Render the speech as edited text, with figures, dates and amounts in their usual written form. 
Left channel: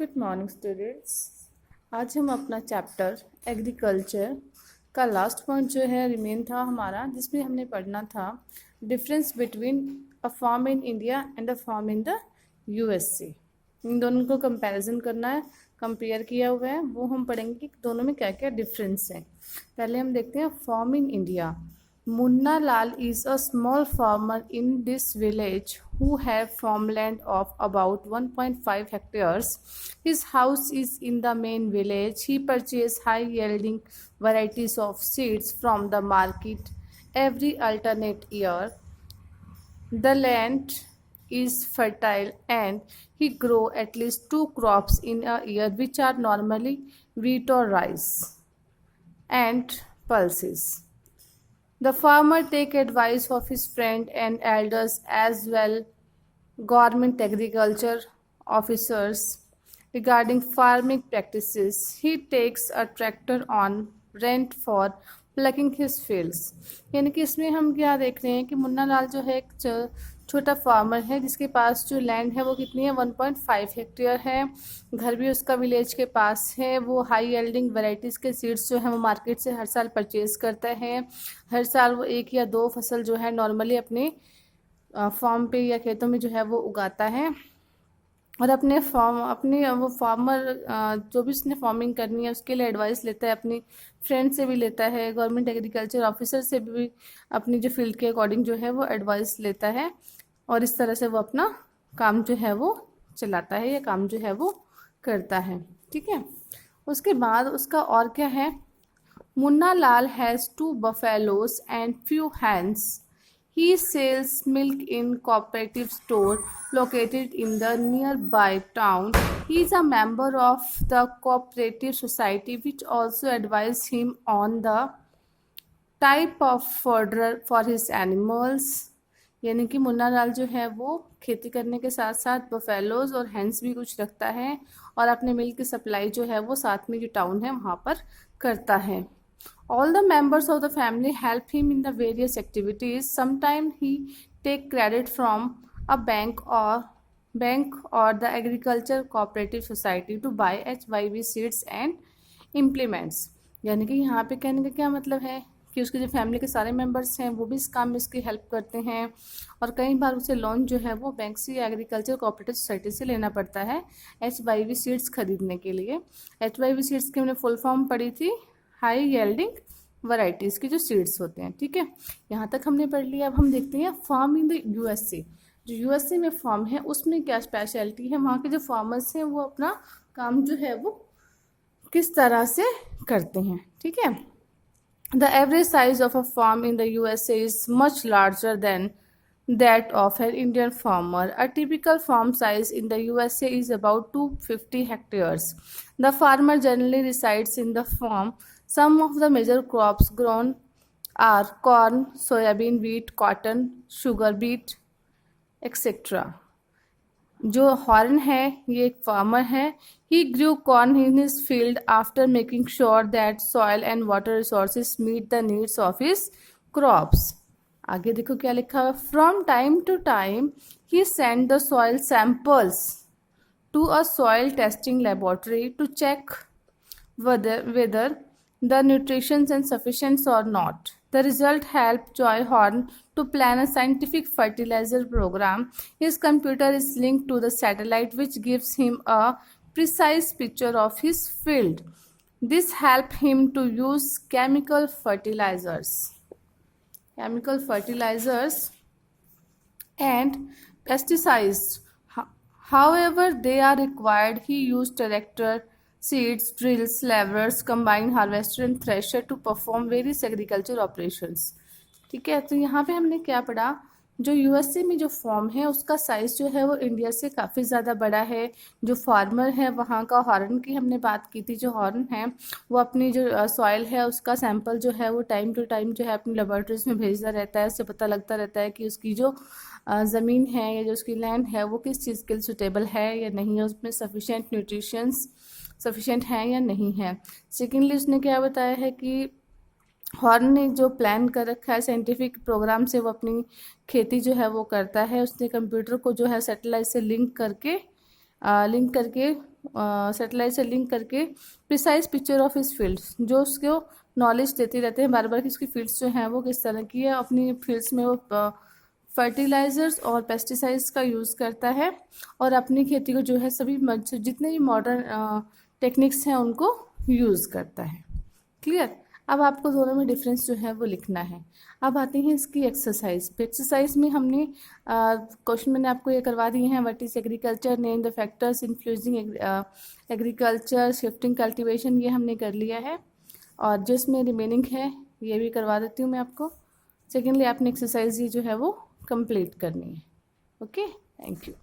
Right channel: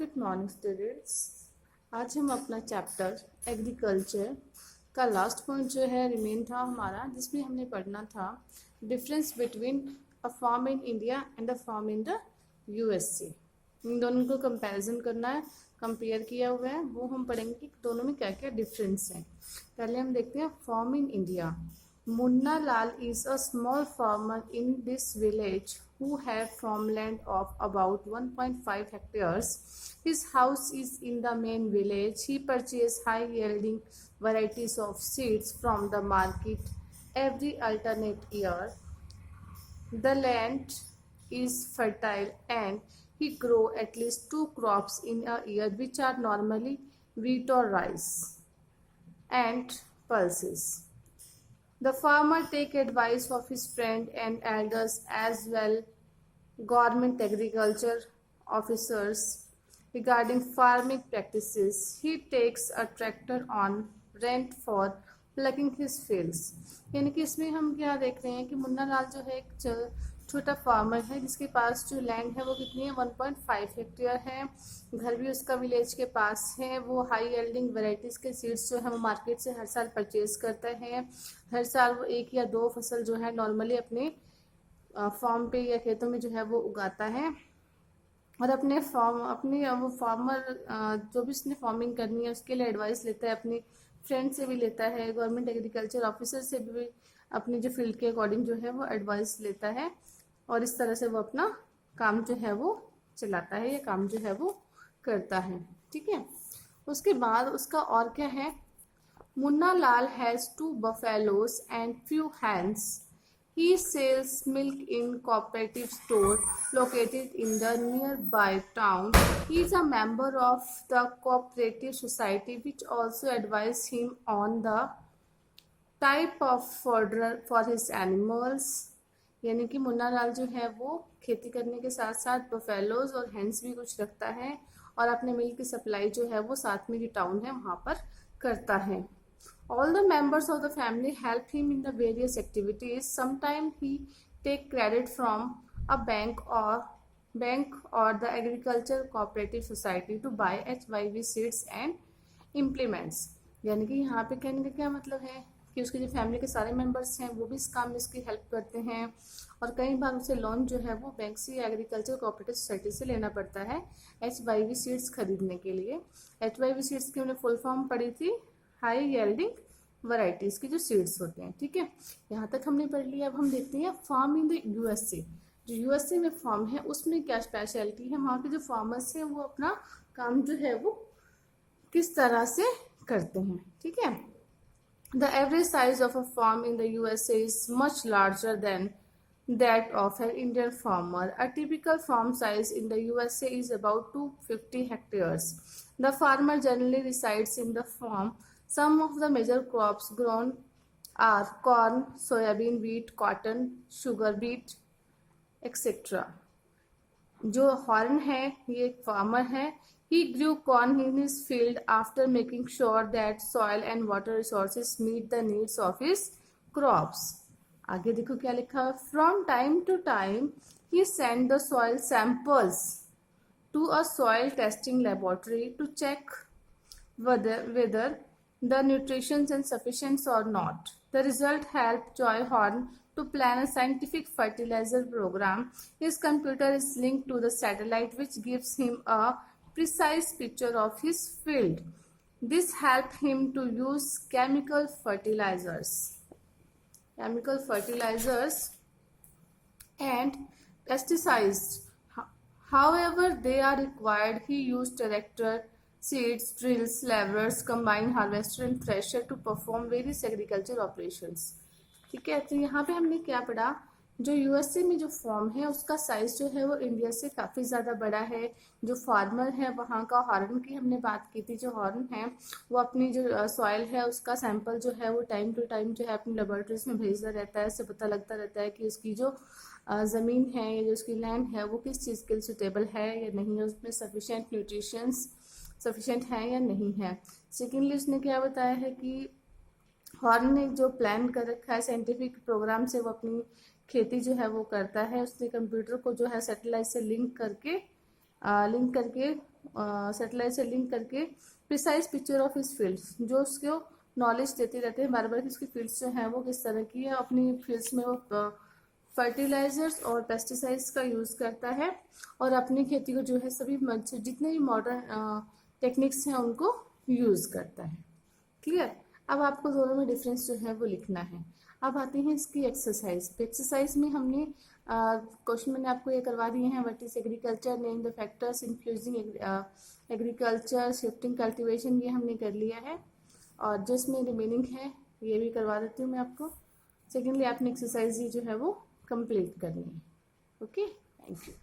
Good morning students. आज हम अपना चैप्टर एग्रीकल्चर का लास्ट पॉइंट जो है रिमेन था हमारा, जिसमें हमने पढ़ना था difference between a farm in India and a farm in the USA. इन दोनों को कंपैरिजन करना है, कंपेयर किया हुआ है, वो हम पढ़ेंगे कि दोनों में क्या क्या डिफरेंस है। पहले हम देखते हैं farm in India. Munna Lal is a small farmer in this village who have farmland of about 1.5 hectares. His house is in the main village. He purchases high-yielding varieties of seeds from the market every alternate year. The land is fertile and he grow at least 2 crops in a year, which are normally wheat or rice and pulses. The farmer take advice of his friend and elders as well government agriculture officers regarding farming practices. He takes a tractor on rent for plucking his fields. यानी कि इसमें हम क्या देख रहे हैं कि मुन्ना लाल जो है एक छोटा फार्मर है, जिसके पास जो लैंड है वो कितनी है, 1.5 हेक्टेयर है। घर भी उसका विलेज के पास है। वो हाई यील्डिंग वैरायटीज़ के सीड्स जो है वो मार्केट से हर साल परचेज करता है। हर साल वो 1 या 2 फसल जो है नॉर्मली अपने फार्म पे या खेतों में जो है वो उगाता है। और अपने वो फार्मर जो भी उसने फार्मिंग करनी है उसके लिए एडवाइस लेता है, अपनी फ्रेंड से भी लेता है, गवर्नमेंट एग्रीकल्चर ऑफिसर से भी अपनी जो फील्ड के अकॉर्डिंग जो है वो एडवाइस लेता है। और इस तरह से वो अपना काम जो है वो चलाता है या काम जो है वो करता है। ठीक है, उसके बाद उसका और क्या है, Munna Lal has 2 buffaloes and few hens. He sells milk in cooperative store located in the nearby town. He is a member of the cooperative society, which also advises him on the type of fodder for his animals. यानी कि मुन्ना लाल जो है वो खेती करने के साथ साथ बफेलोज और हैंस भी कुछ रखता है और अपने मिल्क की सप्लाई जो है वो साथ में जो टाउन है वहाँ पर करता है। All the members of the family help him in the various activities. Sometimes he take credit from a bank or the agriculture cooperative society to buy HYV seeds and implements. यानी कि यहाँ पे कहने का क्या मतलब है कि उसके जो फैमिली के सारे मेंबर्स हैं वो भी इस काम में उसकी हेल्प करते हैं। और कई बार उसे लोन जो है वो बैंक से या एग्रीकल्चर कोऑपरेटिव सोसाइटी से लेना पड़ता है HYV सीड्स खरीदने के लिए। HYV सीड्स की हमने फुल फॉर्म पढ़ी थी, हाई यील्डिंग वैरायटीज़ के जो सीड्स होते हैं। ठीक है, यहाँ तक हमने पढ़ लिया। अब हम देखते हैं फार्म इन द यूएसए। जो यूएसए में फार्म है उसमें क्या स्पेशलिटी है, वहाँ के जो फार्मर्स हैं वो अपना काम जो है वो किस तरह से करते हैं। ठीक है, the average size of a farm in the USA is much larger than that of an Indian farmer. A typical farm size in the USA is about 250 hectares. The farmer generally resides in the farm. Some of the major crops grown are corn, soybean, wheat, cotton, sugar beet, etc. जो horn है ये एक farmer है। He grew corn in his field after making sure that soil and water resources meet the needs of his crops. आगे देखो क्या लिखा है, from time to time he send the soil samples to a soil testing laboratory to check whether the nutrition is sufficient or not. The result helped Joy Horn to plan a scientific fertilizer program. His computer is linked to the satellite, which gives him a precise picture of his field. This helps him to use chemical fertilizers and pesticides. However they are required. He used tractor, seeds, drills, laborers, combine harvester and thresher to perform various agriculture operations. ठीक है, तो यहाँ पे हमने क्या पढ़ा, जो USA में जो फॉर्म है उसका साइज जो है वो इंडिया से काफ़ी ज़्यादा बड़ा है। जो फार्मर है वहाँ का हॉर्न की हमने बात की थी, जो हॉर्न है वो अपनी जो सॉइल है उसका सैंपल जो है वो टाइम टू टाइम जो है अपनी लेबोरेटरीज में भेजता रहता है। उससे पता लगता रहता है कि उसकी जो ज़मीन है या जो उसकी लैंड है वो किस चीज़ के लिए सुटेबल है या नहीं है, उसमें सफिशेंट है या नहीं है। सेकेंडली उसने क्या बताया है कि हॉर्न ने जो प्लान कर रखा है साइंटिफिक प्रोग्राम से वो अपनी खेती जो है वो करता है। उसने कंप्यूटर को जो है सैटेलाइट से लिंक करके सैटेलाइट से लिंक करके precise picture of his fields, जो उसको नॉलेज देते रहते हैं बार बार कि उसकी फील्ड्स जो हैं वो किस तरह की है। अपनी फील्ड्स में वो फर्टिलाइजर्स और पेस्टिसाइड्स का यूज़ करता है और अपनी खेती को जो है सभी जितने भी मॉडर्न टेक्निक्स हैं उनको यूज़ करता है। क्लियर। अब आपको दोनों में डिफरेंस जो है वो लिखना है। अब आते हैं इसकी एक्सरसाइज पे। एक्सरसाइज में हमने क्वेश्चन मैंने आपको ये करवा दिए हैं। What is agriculture, name the factors influencing agriculture, shifting cultivation, ये हमने कर लिया है। और जिसमें रिमेनिंग है ये भी करवा देती हूँ मैं आपको। सेकेंडली आपने एक्सरसाइज ये जो है वो कंप्लीट करनी है। Okay, thank you.